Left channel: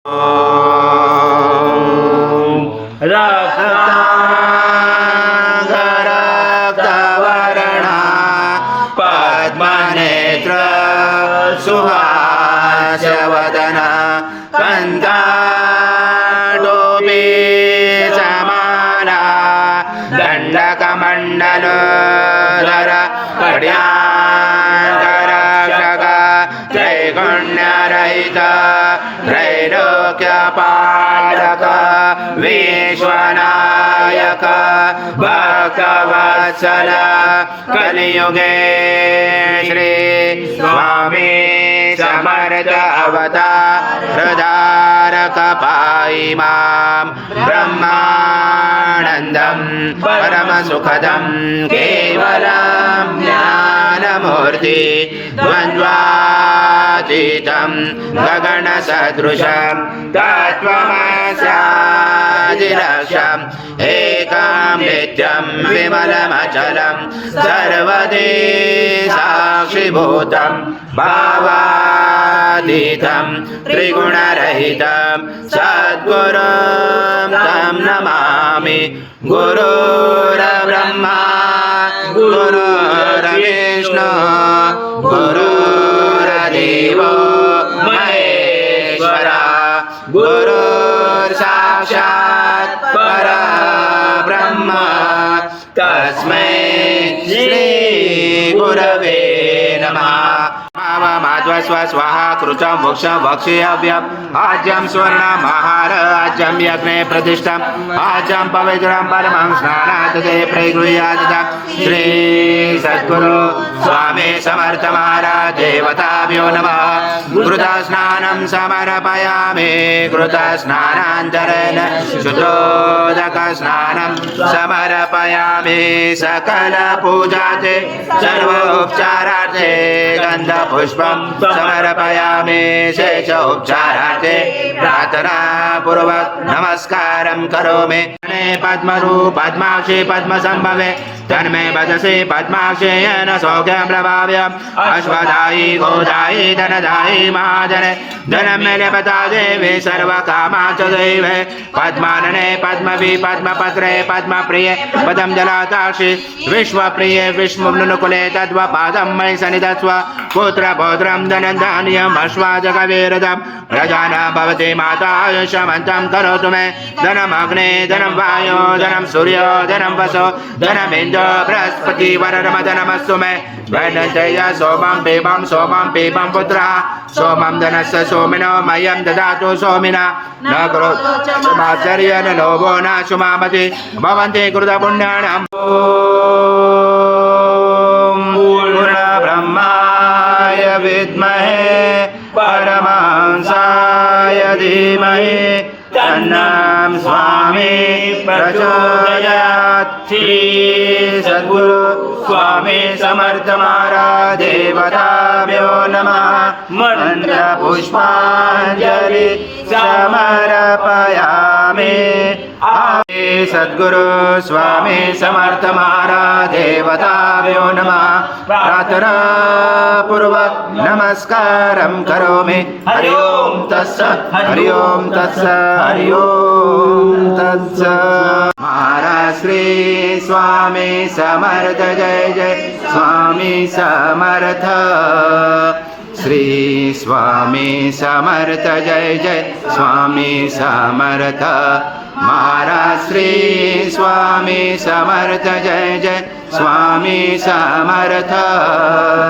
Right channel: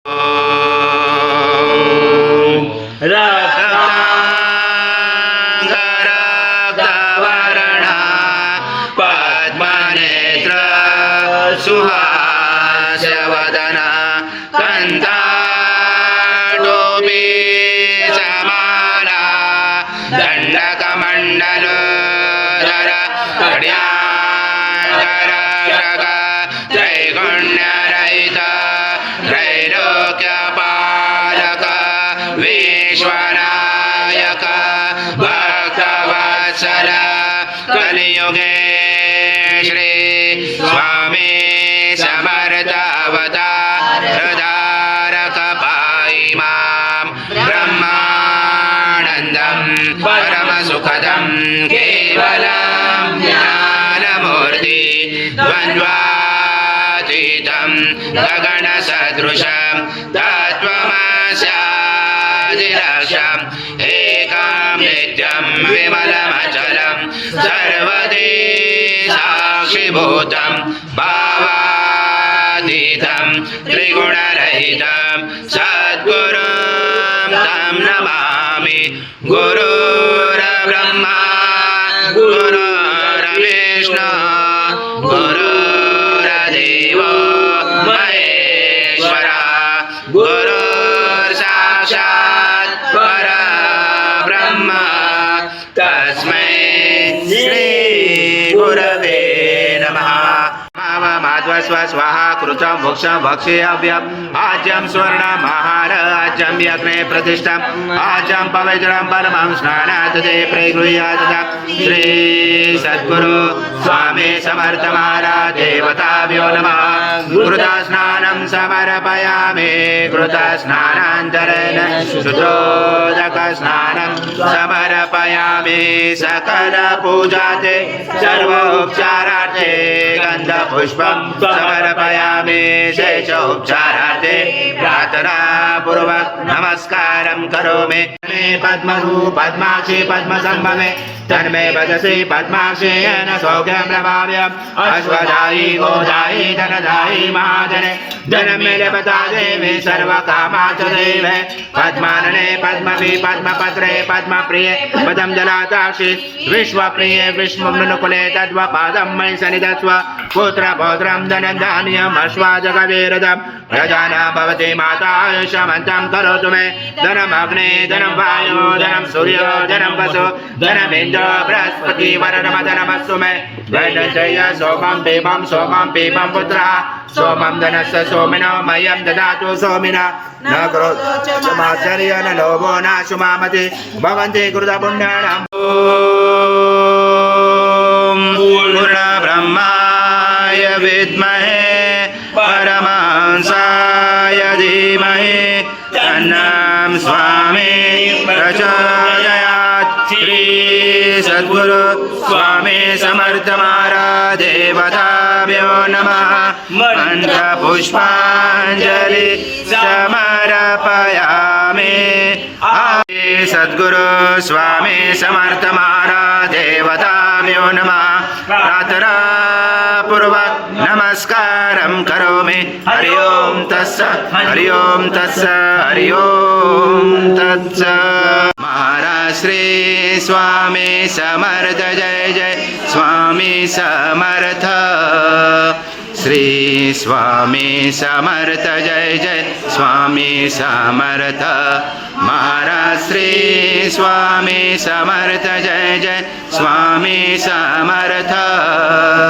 रक्तांगरक्तवर्णा पद्मनेत्र सुहास्यवदना कंठाटोपी समाला दंडकमण्डलधर कड्याङ्गरक्षक त्रैगुण्यरहित त्रैलोक्यपालक विश्वनायक भक्तवत्सल कलियुगे श्री स्वामी समर्थ अवतार धारक पाहि मां ब्रह्मानन्दं परमसुखदं केवलं ज्ञानमूर्ति द्वन्द्वातीतं गगनसदृशं तत्त्वमस्यादिलक्ष्यम् एकं नित्यं विमलमचलं सर्वदि साक्षिभूतं भावातीतं त्रिगुणरहितं सद्गुरुं तं नमामि। गुरुर्ब्रह्मा गुरुर्विष्णु गुरुर्देवो महेश्वरा गुरुर्साक्षात् परब्रह्म तस्मै श्री गुरवे नमः। माध्वस्व स्वाहा कृतं वृक्षं वक्षेयव्यम् आज्यं स्वर्णमहार आज्यं यज्ञे प्रतिष्ठम् आज्यं पवित्रं परमं स्नानात् ते प्रगृह्यात् श्री सद्गुरु स्वामी समर्थ महाराज देवताभ्यो नमः। घृतस्नानं समर्पयामि घृतस्नानान्तरेण शुद्धोदकस्नानं समर्पयामि सकलपूजाते सर्वोपचारार्थे गन्धपुष्पं समर्पयामि शेषोपचारार्थे प्रार्थनापूर्वक नमस्कारं करोमि। मे पद्मरूप पद्माक्षि पद्मसंभवे तन्मे भजसे पद्माक्षि येन सौख्यं प्रभाव्यम् अश्वदायी गोदायी धनदायी महाधन धनमेलपता देवी सर्वकामाक्ष देवे पद्मानने पद्मवी पद्मपत्रे पद्मप्रिये पदंजलाताक्षि विश्वप्रिये विष्णुनुकुले तद्वपादं मयि सन्निधत्स्व पुत्रपौत्रं धनधान्यम् अश्वाजगवीरदं प्रजाना भवति माता आयुष्यमन्तं करोतु मे धनमग्ने धनं वायो धनं सूर्यो धनं वसो धनमिन्द्रो बृहस्पति वरदमधनमस्तु मे धनञ्जय सोमं पीपं पुत्रः सोमं धनस्य सोमिनो मह्यं ददातु सोमिना न करोचमाचर्य न लोभो न सुमामति भवन्ति कृतपुण्यानाम्। ॐ पूर्णब्रह्माय विद्महे परमहंसाय धीमहि तन्नं स्वामी प्रचोदयात्। श्री सद्गुरु स्वामी समर्थ महाराज देवताभ्यो नमः। मन्त्रपुष्पाञ्जलि समर्पयामि। सद्गुरु स्वामी समर्थ महाराज देवताभ्यो नमः। प्रार्थनापूर्वक नमस्कारं करोमि। हरि ओम तत्सत् हरि ओम तत्सत् हरि ओम तत्सत्। महाराज श्री स्वामी समर्थ जय जय स्वामी समर्थ श्री स्वामी समर्थ जय जय स्वामी समर्थ। महाराज श्री स्वामी समर्थ जय जय स्वामी समर्थ।